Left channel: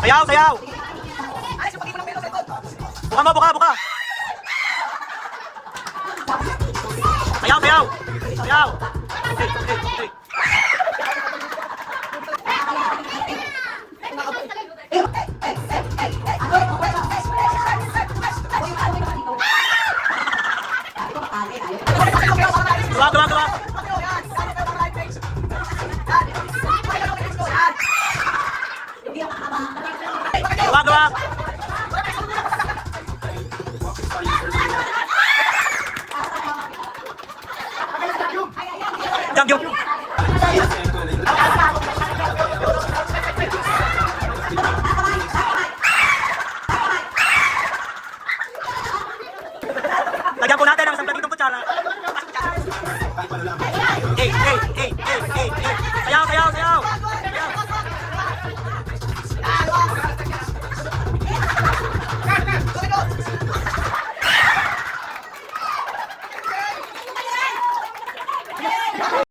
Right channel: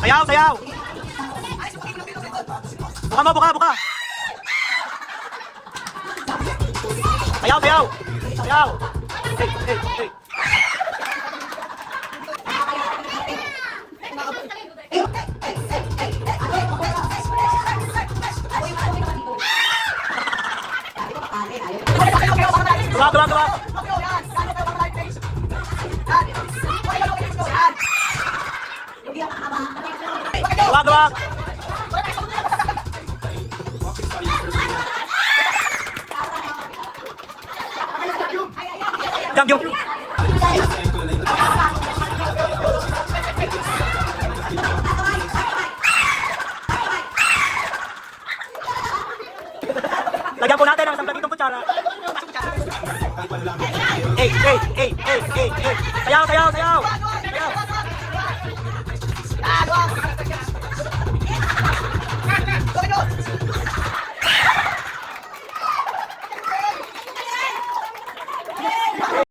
Sayaw, sayaw. Buka mo, buka, buka. Sayaw, sayaw. Sayaw. Hey, hey, hey. Tuwag, tuwag, tuwag. Tuwag, tuwag. Jump, jump. Lagyan po natin ang isang platitong kutsara. Hey, hey, hey, hey, hey, hey. Sayaw, sayaw, sayaw. Sayaw.